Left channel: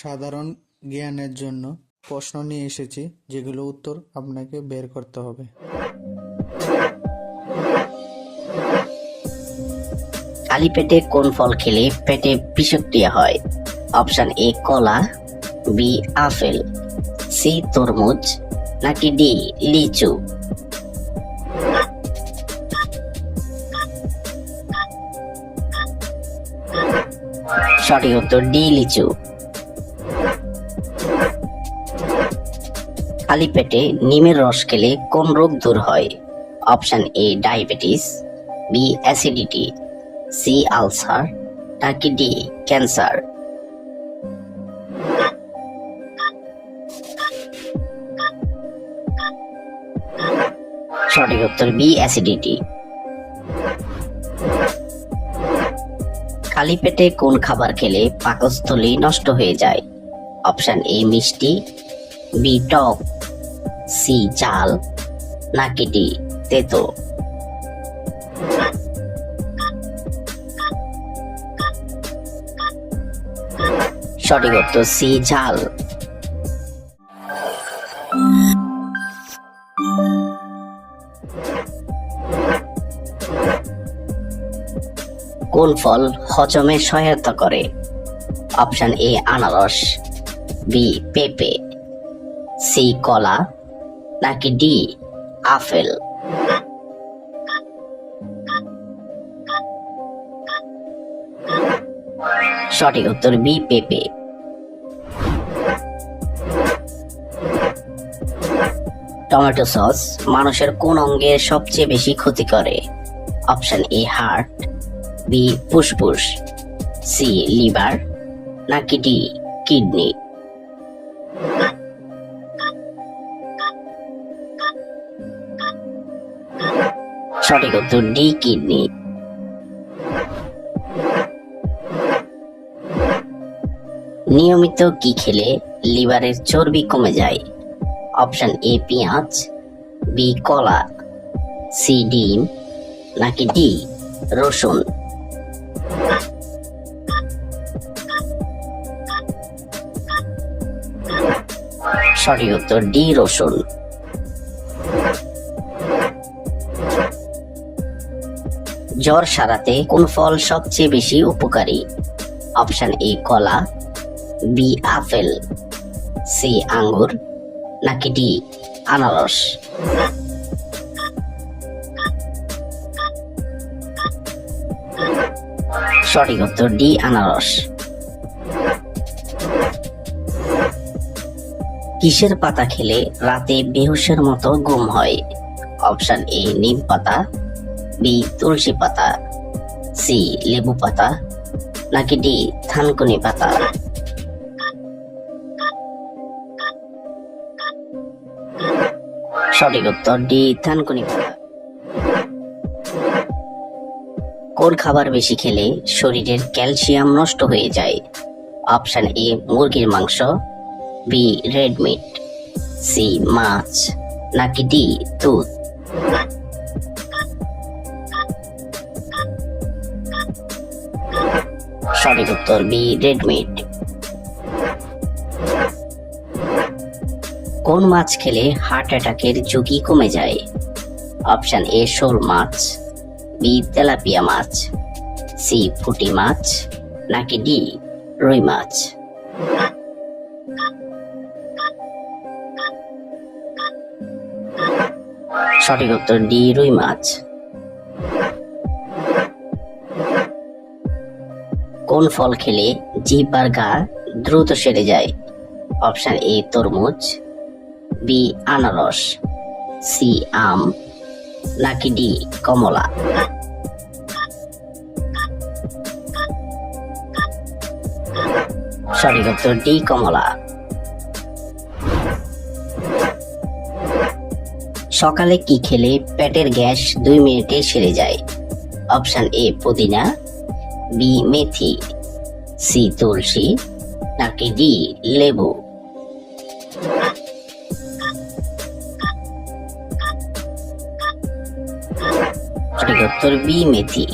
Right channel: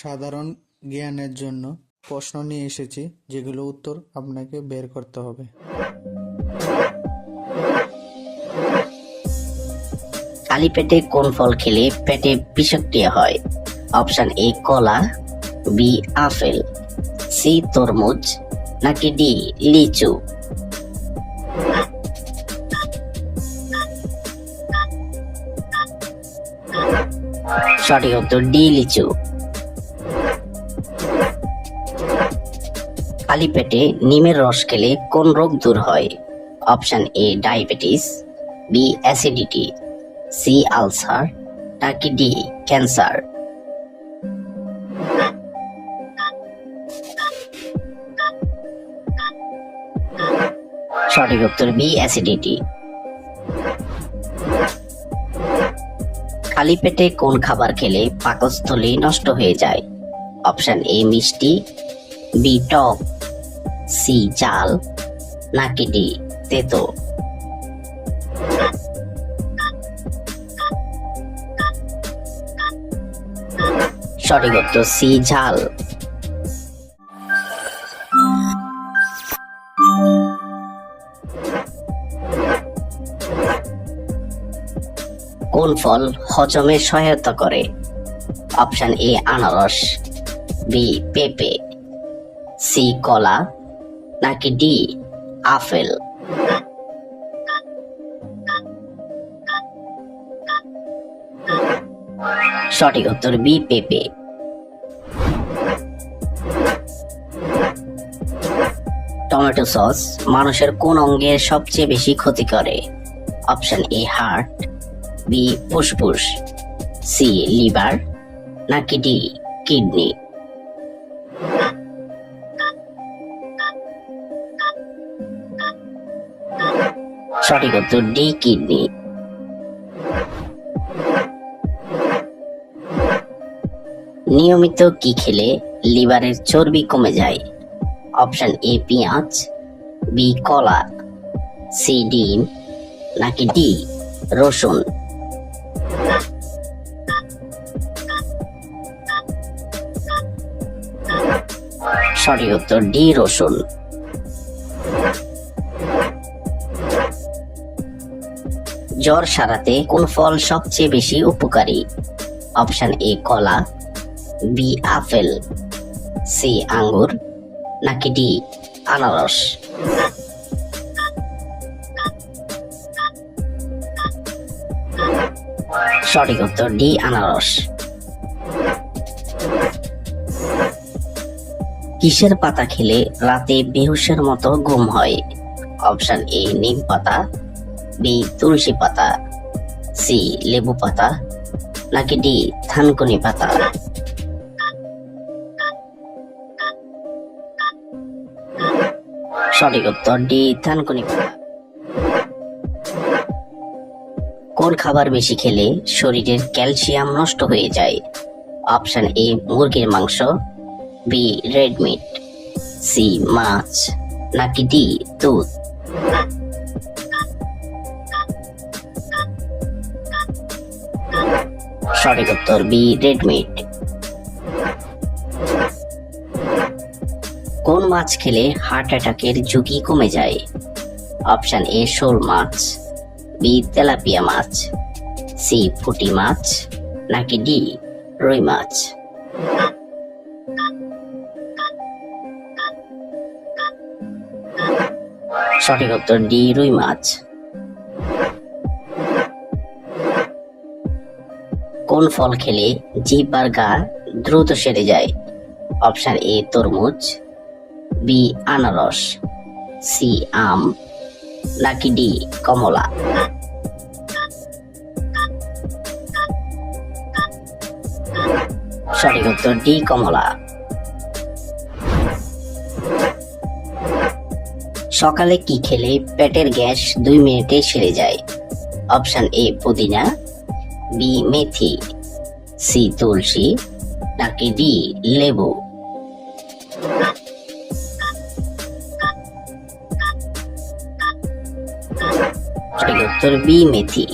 সাধারণ জ্ঞানের জন্য প্রশ্ন নিয়ে এসেছি, যেগুলো উত্তর আপনাকে বের করতে হবে। খালি পেটে কোন ফল খেলে পেটে বিষক্রিয়া হয়? অপশন এ কলা, বি আপেল, সি তরমুজ, নাকি ডি লিচু? সঠিক উত্তর ডি লিচু। খালি পেটে নিমের রস খেলে কোন রোগ দূর হয়? Option A diabetes, B acidity, C ulcer, নাকি ডি ক্যান্সার? সঠিক উত্তর বি অ্যাসিডিটি। খালি পেটে কোন খাবার খেলে পাকস্থলী নষ্ট হয়ে যায়? অপশন এ মিষ্টি, বি টক, সি ঝাল, নাকি ডি তেতো? সঠিক উত্তর সি ঝাল। কোন ফল হজমে সহায়তা করে? অপশন এ আনারস, বি পেঁপে, সি কলা, নাকি ডি আপেল? সঠিক উত্তর বি পেঁপে। টমেটো সস মানুষের কোন অঙ্গের সবচেয়ে বেশি ক্ষতি করে? অপশন এ হার্ট, বি ফুসফুস, সি লিভার, নাকি ডি কিডনি? সঠিক উত্তর ডি কিডনি। নিয়মিত কি খেলে লিভারের চর্বি কমে যায়? অপশন এ পেঁয়াজ, বি কলা, সি ডিম, নাকি ডি রসুন? সঠিক উত্তর ডি রসুন। জ্বর সারাতে কোন ফল সবচেয়ে বেশি উপকারী? অপশন এ কলা, বি আপেল, সি আঙ্গুর, নাকি ডি আনারস? সঠিক উত্তর ডি আনারস। কিসের পাতা খেলে রাতে বেহুশের মতো ঘুম হয়? অপশন এ নিম পাতা, বি তুলসী পাতা, সি লেবু পাতা, নাকি ডি থানকুনি পাতা? সঠিক উত্তর ডি থানকুনি পাতা। কোন খাবার বেশি খেলে শরীরের ক্যালসিয়াম নষ্ট হয়ে যায়? অপশন এ মুরগির মাংস, বি রেড মিট, সি মাছ, নাকি ডি দুধ? সঠিক উত্তর বি রেড মিট। কোন মাছ খেলে হার্ট অ্যাটাকের ঝুঁকি কমে যায়? অপশন এ শোল মাছ, বি তেলাপিয়া মাছ, সি পুঁটি মাছ, নাকি ডি রুই মাছ? সঠিক উত্তর ডি রুই মাছ। কোন ফল খেলে জিভ আর গা দ্রুত সেরে যায়? অপশন এ তরমুজ, বি আনারস, সি আম, নাকি ডি কমলা? সঠিক উত্তর ডি কমলা। সকালে কি খেলে পেটের গ্যাস 2 মিনিটে সেরে যায়? অপশন এ পুদিনা, বি মেথি, সি তুলসী, নাকি ডি লেবু? সঠিক উত্তর বি মেথি।